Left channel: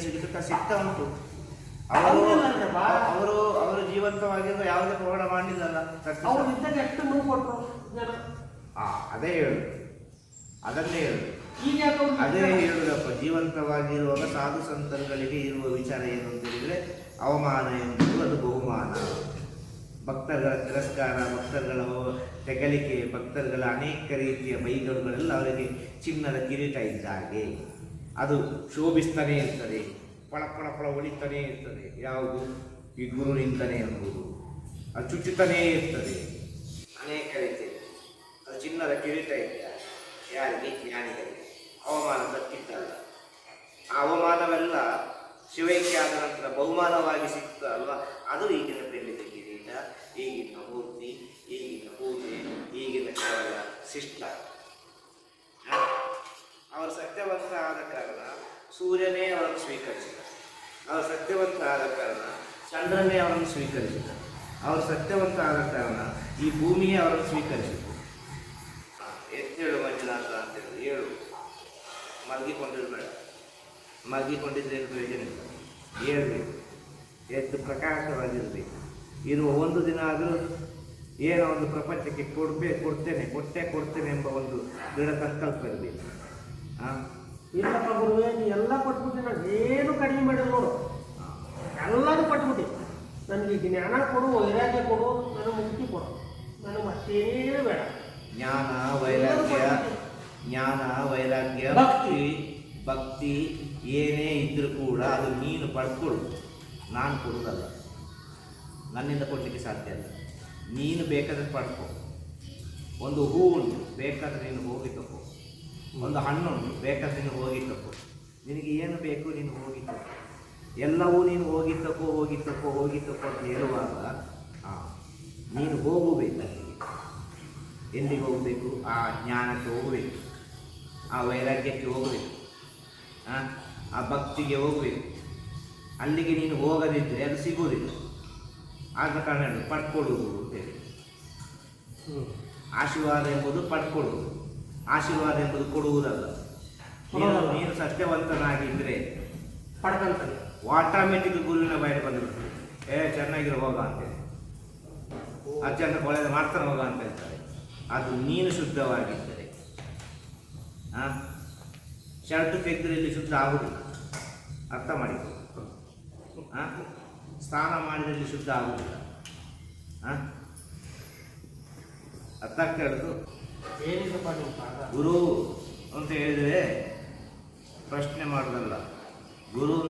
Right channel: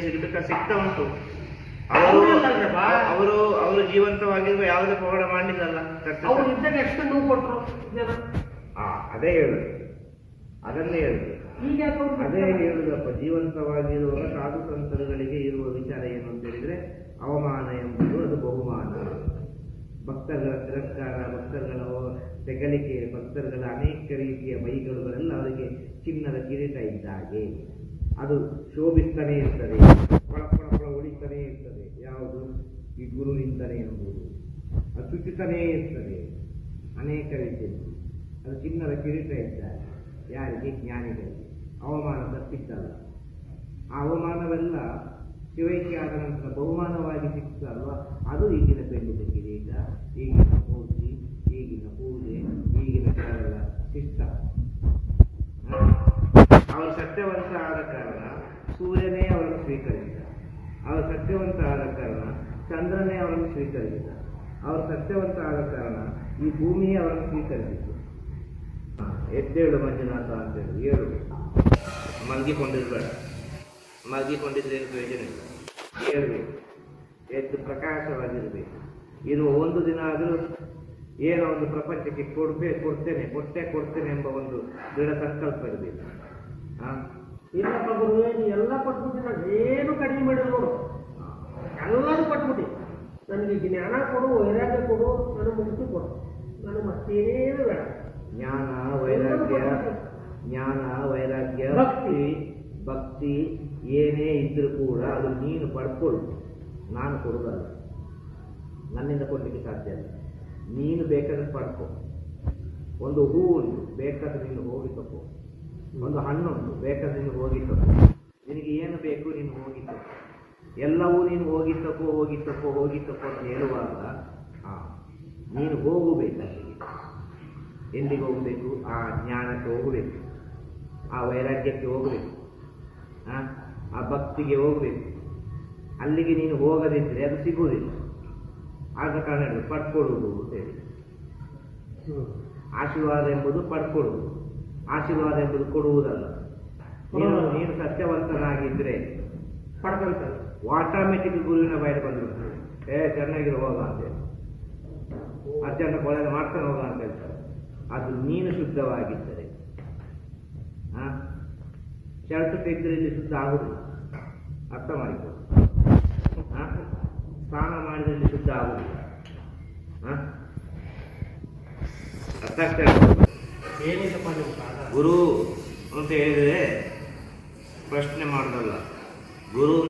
ಸಿಗ್ಬೇಕಾ ಸಿಗ್ತಾ ಉಂಟು. ಅವರು. ಅವರು ಅವರು ಜೀವಂತವಾಗಿರುವ ಯಾವುದೇ ಪವಾಡ ಮಾಡಲಿಲ್ಲಲ್ಲ ಅವ್ರು ಇದ್ದಾಗ ಎಷ್ಟು ನೋವು ಕೊಟ್ಟರು ಜನ ಆ ಅದೇ ಹೇಳು ಅದನ್ನೇ ಹೇಳು ಈಗ ಅದೇ? ಹೇಳುದಪ್ಪ ಜೀವಂತವಾಗಿರುವಾಗ ಸಾಧು ಸಂತರುಗಳಿಗೆ ಇರುವ ವಿಚಾರ ಏನು ಅಂತ ಹೇಳಿದ್ರೆ ಅವಮಾನ ಎಂಬುದು ಅದು ಬಹುಮಾನ. ಭಕ್ತರುಗಳ ತಿರಸ್ಕಾರ ಭಕ್ತರುಗಳ ತೆಗಲಿಕೆ ಭಕ್ತರುಗಳ ಅನೇಕ ರೀತಿಯ ಬೈಗಳುಗಳೆಲ್ಲ ಅವರಿಗೆ ಚಿನ್ನದ ಕಿರೀಟ ಇದ್ದಾಗೆ. ಅದು ಶೋಭಿಸ್ತಾನೇ ಇರ್ತದೆ, ಪಳ ಪಳ ಪಳ ಒಳಿತಾನೇ ಇರ್ತದೆ. ಯಾವುದು? ಈ ಗುರು ನಿಂತಾನೆ ಎಂಬುದು. ಅದು ಚುಚ್ಚುತ್ತಾನೇ ಇರ್ತದೆ. ಅನೇಕ ರೀತಿಯಲ್ಲಿ ಅದು ಚಿನ್ನದ ಕಿರೀಟ ಇದ್ದ ಯಾರಿಗೆ? ಜ್ಞಾನಿಗಳಿಗೆ. ಅವಮಾನ ತಪ್ಪಿದ್ದಲ್ಲ ಆ ಅವಮಾನವೆಲ್ಲ ಶಿವೈಕ್ಯ ಆದ ನಂತರ ಬಹುಮಾನವಾಗಿ ಸಿಕ್ತ ಅಲ್ವಾ ಅದು ಈಗಿನ ಬೆಳ್ಳಿದ ಕಿರೀಟ. ಈಗಿನ ಸೂರ್ಯನೇ ಅವರನ್ನು ಸ್ವೀಕರಿಸಿದ. ಅವರು ಸತ್ಯವಂತ ಆದ ಕಾರಣ ಚಂದ್ರನೇ ಅವರನ್ನು ಸ್ವೀಕರಿಸಿದ. ಅವರು ಸತ್ಯವಂತ ಆದ ಕಾರಣ ಈ ಭೂಮಿಯೇ ಅವರನ್ನು ಸ್ವೀಕರಿಸಿತು ಎದ್ದೇಳು ಮಂಜುನಾಥ ಅಂತೇಳಿ ಏಳು. ಮಲಗಿಕೊಂಡಿರ್ಬೇಡ. ಮಲಗಿಕೊಂಡಿದ್ರೆ ಏನು ಇಲ್ಲ. ಹೇಳ್ಬೇಕು ಎದ್ದು ಪ್ರಕಾಶವಾಗಿರಬೇಕು. ಇದು ಒಂದು ದಿನ ಆದರೂ ಏನೋ ಒಂದು ಪ್ರಪಂಚಕ್ಕೆ ಕೊಡಬೇಕು ಕೊಡ್ತೇನೆ, ಕೊಟ್ಟೆ ಕೊಡ್ತೇನೆ ಎಂಬ ಒಂದು ದೃಢ ಸಂಕಲ್ಪ ಇರಬೇಕು. ಇಲ್ಲಪ್ಪ ಗುರುವೆ ನೀ ಎಲ್ಲ ಕೊಟ್ಬಿಟ್ಟು ನಾನು ಏನು ಕಡಿಮೆ ಮಾಡಿದ್ರು ನೋಡು. ಎಲ್ಲರೂ ಕೊಟ್ಬಿಟ್ಟು. ನನಗೆ ಜ್ಞಾನ ಕೊಡು ವೈರಾಗ್ಯ ಕೊಡು ನನಗೆ ಮುಕ್ತಿ ಕೊಡು. ನನಗೆ ಮತ್ತೇನು ಬೇಡ. ಜ್ಞಾನ ವೈರಾಗ್ಯ ಜ್ಞಾನ ವೈರಾಗ್ಯ ಭಕ್ತಿ. ಭಕ್ತಿ. ಏನೇ ಇದ್ದರೂ ಕೂಡ ಅದು ನೀನು ಪಡ್ಕೊಳ್ಳು ನಾನು ಕೊಡೋದಲ್ಲ ನನ್ನಿಂದ ಕೊಡಲಿಕ್ಕೆ ಸಾಧ್ಯ ಇಲ್ಲ. ನೀನು ಬೇಕಾದ್ರೆ ಪಡ್ಕೊ. ಒಂದು ಹೂ ಉಂಟು. ಬೇಕಾದ್ರೆ ನೀನು ಹೋಗಿ. ತಗೋ ಒಂದು ಹಣ್ಣುಂಟು ಬೇಕಾದ್ರೆ ನೀನು ಹೋಗಿತ್ತು ನಿನಗೆ ಏನು ಬೇಕು ನೀನು ಹೋಗಿ ತಗೋ. ಎಲ್ಲವೂ ನೀನು ಹೋಗಿ ಹೋಗಿದ್ದಕ್ಕೋ ಹೋಗಿ ತಗೋ ಹೋಗಿ ತಗೋ ಅಂತ ಹೇಳುವಾಗ ಹಾಂ ನೀನು ಹೋಗಬೇಕು ಎಲ್ಲಿಗೆ ಹೋಗಬೇಕು? ಆ ಜ್ಞಾನಕ್ಕೆ ಹೋಗಬೇಕು. ಆ ವೈರಾಗ್ಯಕ್ಕೆ ಹೋಗಬೇಕು. ಆ, ಆ ಭಕ್ತಿಗೆ ಹೋಗಬೇಕು. ಅಲ್ಲಿಗೆ ನೀನು ಹೋಗದಿದ್ದರೆ ಅದು ಸಿಗುವುದಿಲ್ಲ. ಆದ ಕಾರಣ ಹೇಳಿ ಪಡ್ಕೊಡುವುದು ಅಂತ ಹೇಳಿ. ಆಶೀರ್ವಾದ ಎಂಬುದು ಪಡ್ಕೊಡುವುದು. ಆಶೀರ್ವಾದ ಎಂಬುದು ಕೊಡುವುದಲ್ಲ. ನೀನು ಸತ್ಯವಂತನಾಗಿದ್ದರೆ ಪಡ್ಕಂತಾನೆ ಆಟೋಮೆಟಿಕ್ ಗುರುವಿನ ಬಯಲು ಬಂದಿರ್ತದೆ ಏ ಚೆನ್ನಾಗಿರೋ ಹೋಗ ಅಂತ ಅತ್ಯಂತ ಒಳ್ಳೆಯದು ಮಾಡ್ತಾನೆ ಹೋಗ ಅಂತ ಹೇಳ್ತಾರೆ. ಅದು ನೀನು ಶುದ್ಧವಾಗಿದ್ದರೆ ಹಾ ಶರ್ಟ್ ತೆಗೆದ್ರೆ ಇಲ್ಲಿ ಶುದ್ಧ ಆಗುದಿಲ್ಲ. ಅರ್ಥ ಮಾಡಿಕೊ. ಹಾ ಸ್ನಾನ ಮಾಡಿದ್ರೆ ಇಲ್ಲಿ ಶುದ್ಧ ಆಗುದಿಲ್ಲ. ಹಾ ಅರ್ಥ ಆಗ್ತಾ ಗುರು ಅಂತ ಹೇಳಿದರೆ ಪ್ರಶ್ನೆ ಮಾಡೋದಲ್ಲ. ಗುರು